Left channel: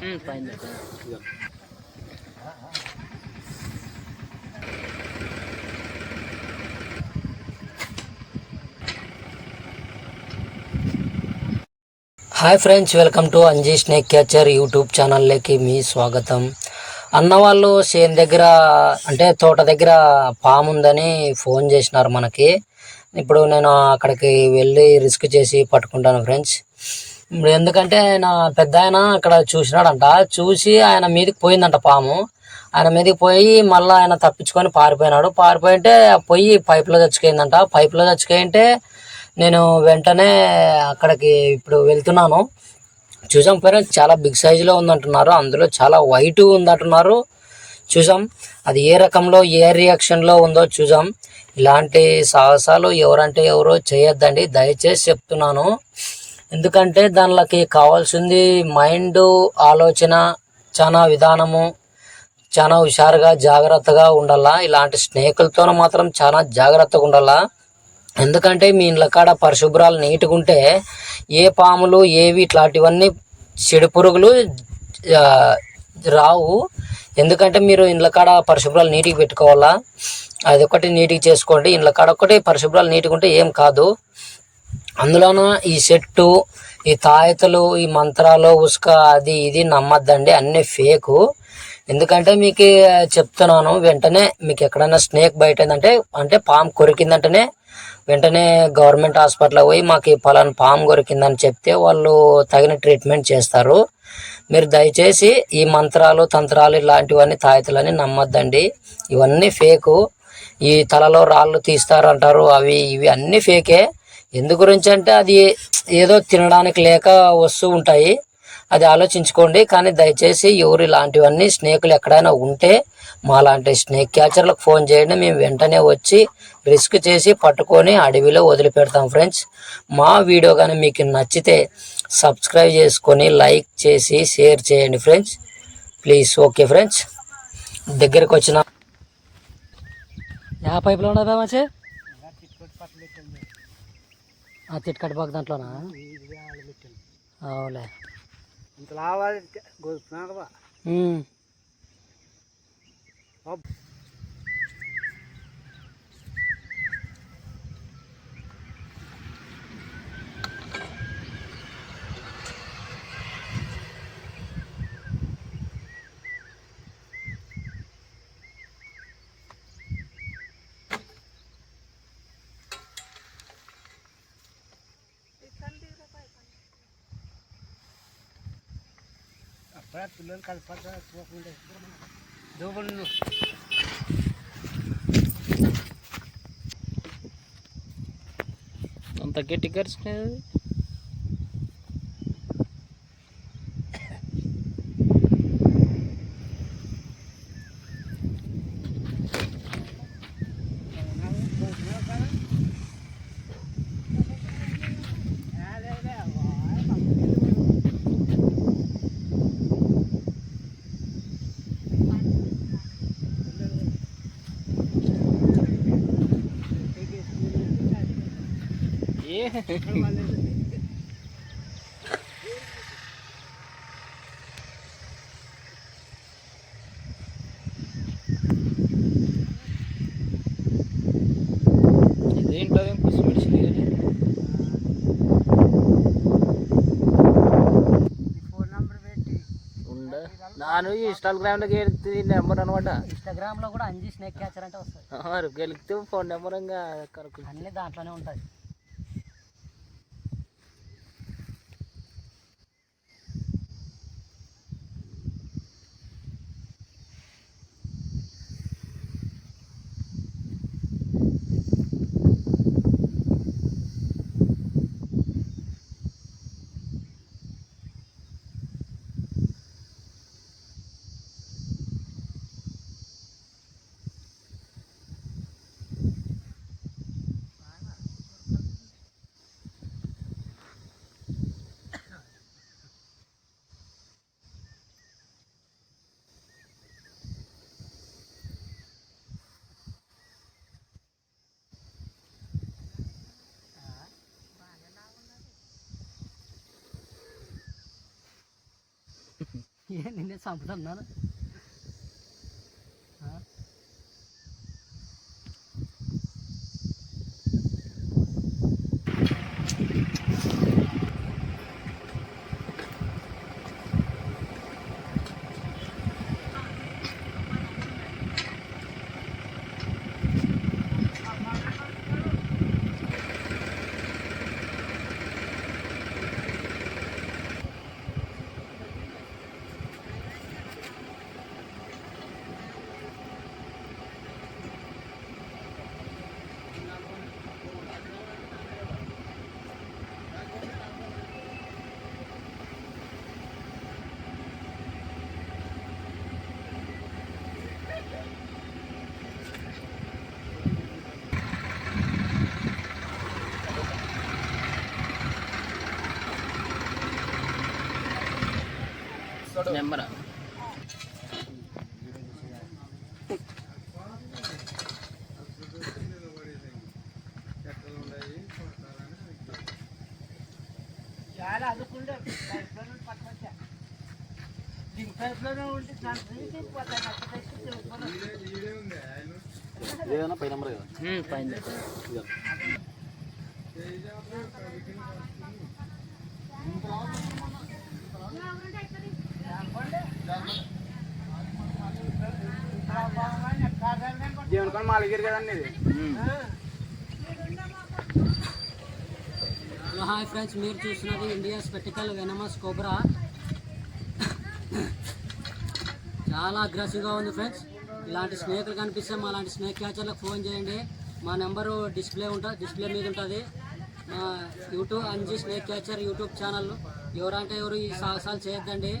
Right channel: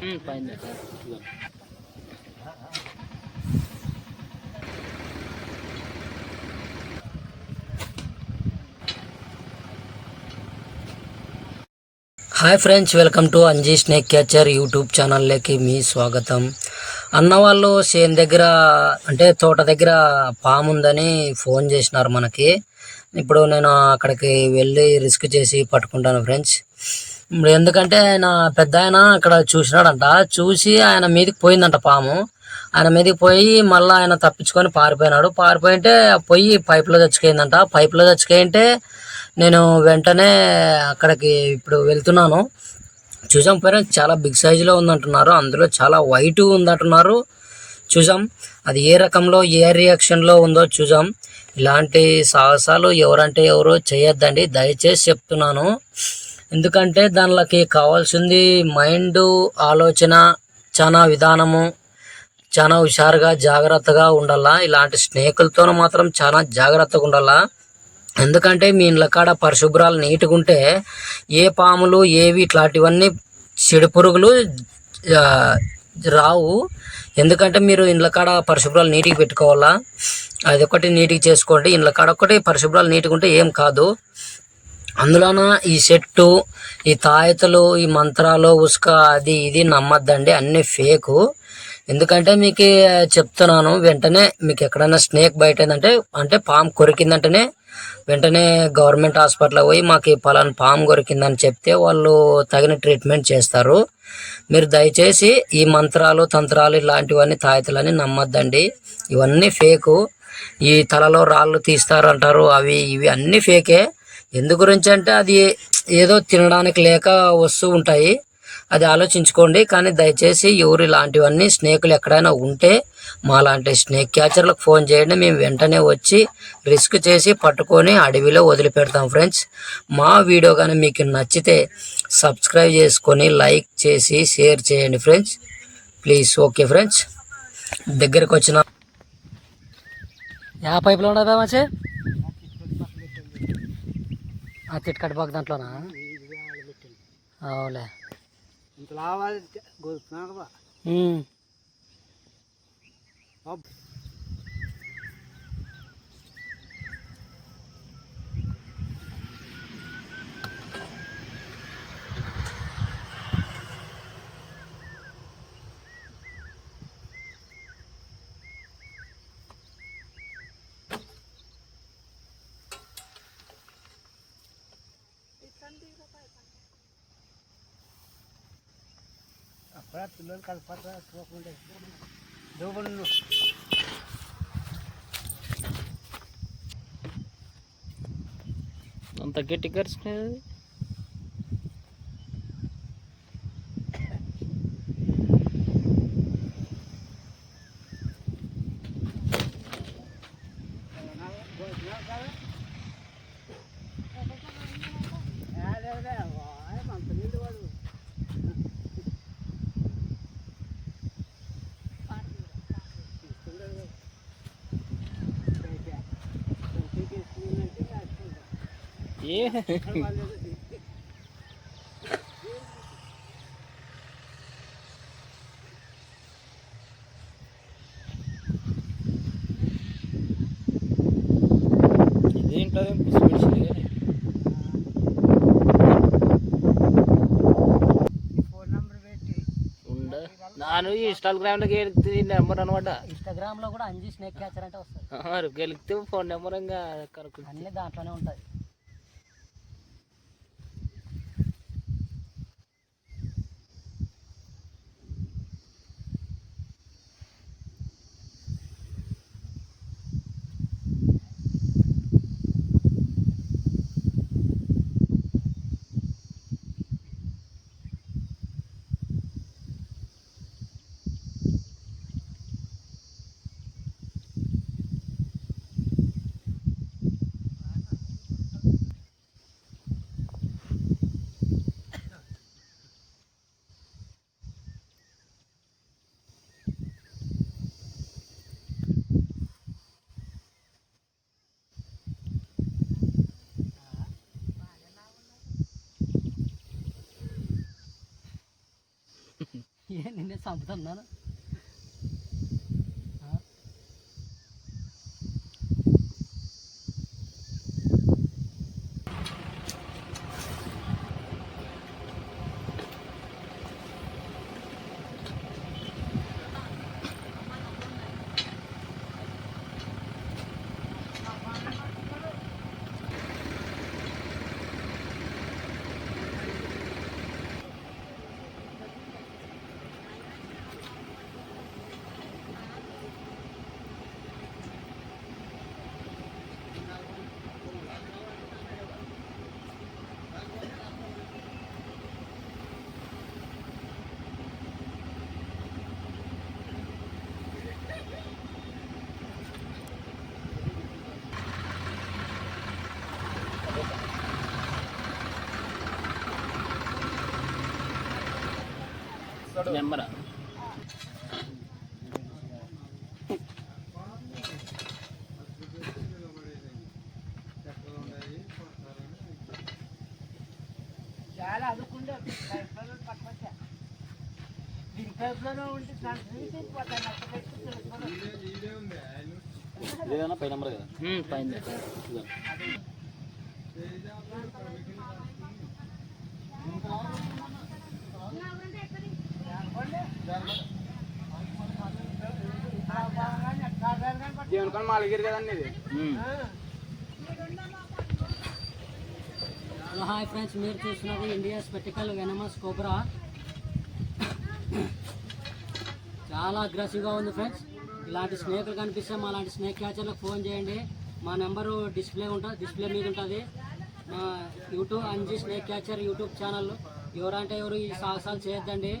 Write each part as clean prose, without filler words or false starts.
పైన hi friends, welcome to Anji snake catcher YouTube ఛానల్లోకి మీ స్వాగతం. అన్న వాళ్ళు సేమ్ దగ్గర అంటే తోట దగ్గర పాము ఉందని ఫోన్ చేసినారు మనకి. ఇప్పుడు నేను అక్కడికి వెళ్ళి రిస్క్ చేసి పట్టుకుంటాను ఫ్రెండ్స్. ఇప్పుడు ఎందుకంటే ఆయన పెద్ద ఆయన అక్కడ చూసినాడంట, చూసి ఆయన మీదకి పోయిందంట పాము. ఆయన మీదకి పోయి మళ్ళీ ఆయన తప్పించుకొని పారిపోయినాడు. పారిపోయింటే పోయి పైపులో చచ్చిపోయిందంట. పైపులో చచ్చిపోయింటే నేను వెంటనే అక్కడికి ఇప్పుడు వెళ్తున్నాను. చూసాం పేరెంట్స్, చాలా బిగ్ సైజులో ఉందంటున్నారు, అందులో చాలా వైట్ ఉందంటున్నారు. చూసాం అది ఏ రకంలో ఏ రియాక్షన్లో ఉందో చూసాం. ఇలాంటి సాహసాలు ఎవరంటే ఎవరో చేయొద్దండి, దయచేసి చెప్తున్నాను. ఎందుకంటే దానిలోకి కావాల్సింది మైండ్, ఆలోచన, చాలా విధానము, చాలా హుషారుగా జాగ్రత్తగా ఉండాలా. ఇలాంటి స్నేకులతో మాత్రం చాలా జాగ్రత్తగా ఉండాలా. ఎందుకంటే మీ ఇండ్ల కాడ పరిశుభ్రాలు నీట్గా ఉంటే ఏ పాములు ఏవి ఇట్లాంటివన్నీ చెడు పురుగులు రావు. ఎందుకంటే మీరు ఇండ్ల కాడ పరిశుభ్రాలు నీట్గా పెట్టుకోవాలా. అది ఒకటి నీట్గా చేసుకోండి. ఇండ్ల కాడ ఒకటి పరిశుభ్రాలు నీట్గా ఉంటే ఏం కాదు. అందులోన ఈ చెట్టు, ఈ తాయతలు, ఈ మంత్రాలు, ఉసుక అది ఇది నమ్మద్దండి, అన్నీ ఫేకు. ఎందుకంటే మీకు చెప్తున్నాను, వెంటనే మీకు ఎక్కడైనా స్నేక్ బైట్ అయిందంటే, అంటే పాము కొరికిందంటేనే వెంటనే గవర్నమెంట్ హాస్పిటల్కి పోయి మాకు పలానా పాము కొరికిందని చెప్తే వాళ్ళు తగిన ట్రీట్మెంట్ చేస్తారు. మీరు దయచేసి ఈ మంత్రాలు, తంత్రాలు, ఇలాంటివన్నీ తాయతలని నమ్మద్దండి, ఇవన్నీ ఫేకు. ఈ తలలో రాళ్ళు తీస్తారంటారు, అవి ఇవి అన్నీ ఫేకే. ఎందు గురించి అంటే అది ఏదో తినడానికి లేక వస్తూ ఉంటాయి, అది ఆలోచించుకోండి. కానీ దయచేసి ఎవరు ఇలాంటివన్నీ స్నేకులు ఎక్కడైనా ఉంటే మా లాంటి స్నేక్ క్యాచర్లకు ఫోన్ చేయండి, మేము వెంటనే వచ్చి రిస్క్ చేసి పట్టుకొని అడవిలో వదిలిపెడతాం ఫ్రెండ్స్. మా వీడియో కానీ మీకు నచ్చితే సబ్స్క్రైబ్ చేసుకొని లైక్ చేసి షేర్ చేయండి ఫ్రెండ్స్, ప్లీజ్. ఓకే ఫ్రెండ్స్, దగ్గరికి వచ్చిన యా పైపులో ఉండదా మంచి తిట్కట్ బాగా దాంట్లోనా? అవులే. పిల్లలు కలిపి అంత గట్టి కరుచుకునేది. దీంట్లో పుసిమిడిచింది కానీ నాను ఇన్స్టాగ్రామ్లోకి వెళ్తే నెంబర్ అనమాట. ఇన్స్టాగ్రామ్లో కూడా అంజీ స్నేక్ క్యాచర్ అంటే వస్తుంది. గెలిగితే ఫోన్ నెంబర్ ఇంకా అన్నీ దాంట్లోనే ఉంటుంది. నిన్నే చంపుతున్నాను. నెంబరా ఇదేనా పై నెంబర్ కదా పైన దేవుని మాలిగిరి కదండి ఇది. హలో హాయ్ ఫ్రెండ్స్, మీరు చూస్తున్నది ఇండియా స్పెక్టికల్ వెనమస్ కోబ్రా. చాలా అగ్రెసివ్గా ఉంది ఫ్రెండ్స్. ఇలాంటి స్నేకులు కనిపిస్తే మా లాంటి స్నేక్ క్యాచర్లకు ఫోన్ చేయండి. మా నెంబరు డిస్ప్లే మీద ఉంటుంది. మా YouTube Anji snake catcher YouTube channel. ఎవరంటే ఎవరు ఈ సాహసాలు చేయొద్దండి.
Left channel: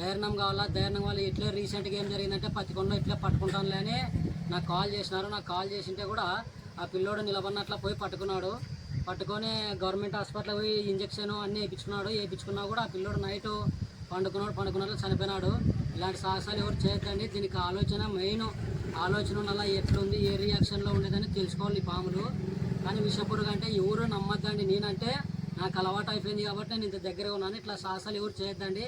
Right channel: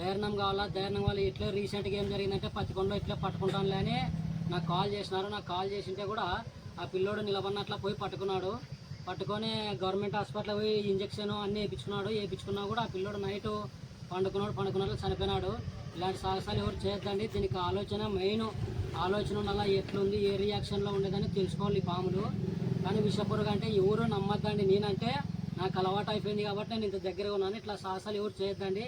ధైర్యం కావాలా. ధైర్యం వల్ల ఇట్లే రీసెంట్గా ఏం జరిగిందంటే పత్తికొండలో ఇట్లే పట్టుకుంటానులే అని నాకు కాల్ చేసినారు. నాకు కాల్ చేసింటే కూడా ఆ పిల్లోడు నిలబడినట్లా పోయి పట్టుకొని గవర్నమెంట్ హాస్పిటల్ పోయి ఇంజక్షన్ అన్నీ వేయించుకున్నా కూడా ఆ పిల్లోడు నైట్ పండుకున్నట్లు చనిపోయినాడు. ఇలాంటి సాహసాలు ఎవరు చేయొద్దండి. దీనికి మెయిన్ ఆలోచన ఉండాలా, ఎట్లుంది, ఏ రియాక్షన్లో ఉండేదని తెలుసుకోవాలి ఈ పాములు. కానీ విషపురుగు అంటే ఎవరు నమ్మద్దండి. నేనంటే నాకు అలవాటు అయిపోయింది కాబట్టి నేను ఇంత దగ్గరగా ఉన్నాను. ఇట్లా సాహసాలు ఎవరు చేయొద్దండి.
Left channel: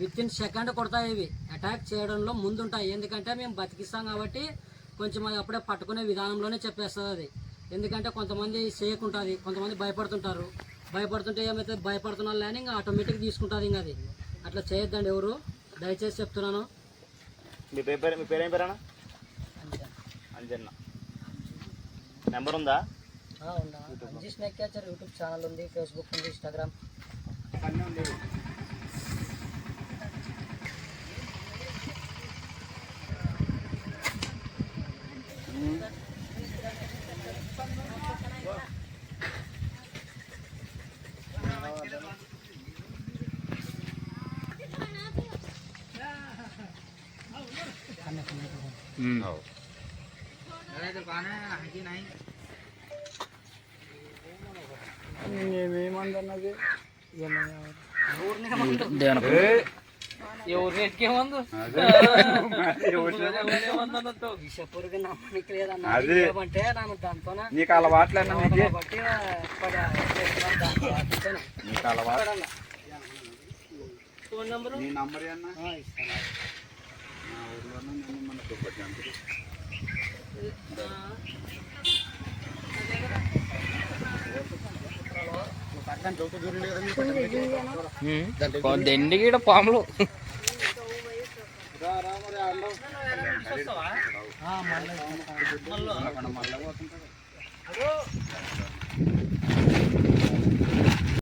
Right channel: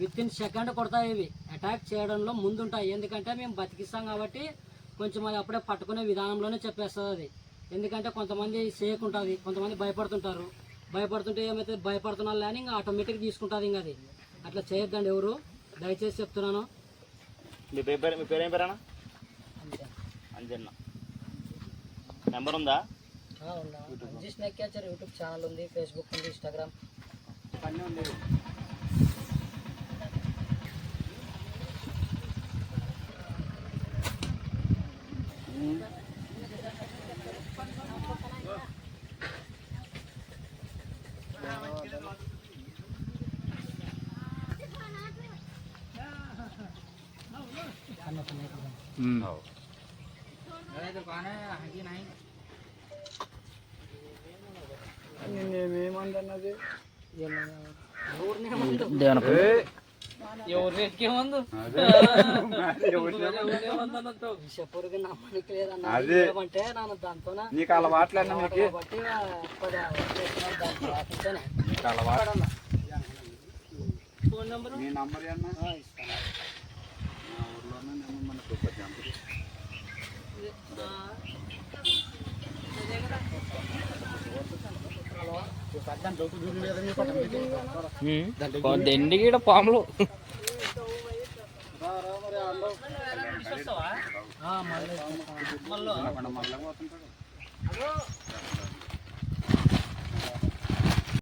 విత్ ఇన్ సెకండ్ కొడతాయి. ఇవి అటాక్ చేయడంలో ముందుంటాయి. ఎందుకంటే మేము బతికిస్తాం కాబట్టి కొంచెం అది అప్పుడే పట్టుకునే విధానంలోనే చెప్పేస్తుంది అది. ఎందుకంటే కొంతమంది సేక్ ఉంటుంది, కొంతమంది భయపడుతుంటే ఏమైతే భయపడుతున్నారు కానీ ఇంకా ఆటోమేటిక్ తీసుకుంటుంది. ఇంకా అది అట్లా చేయొద్దండి ఎవరు, దయచేసి చెప్తున్నాను. మీ పేరు ఏం పేరేనా? అంజన్న. నెంబర్ ఉందా? Anji snake catcher YouTube channel ఉంది, ఫేస్బుక్ ఉంది, ఇన్స్టాగ్రామ్ అన్నీ ఉంది. విషపురుగు నమ్మనికి లేదన్నంటే నన్ను దాంతో నీకు అలవాట్లేదు. ఫోన్ నెంబర్ దండికి పాములు మళ్ళీ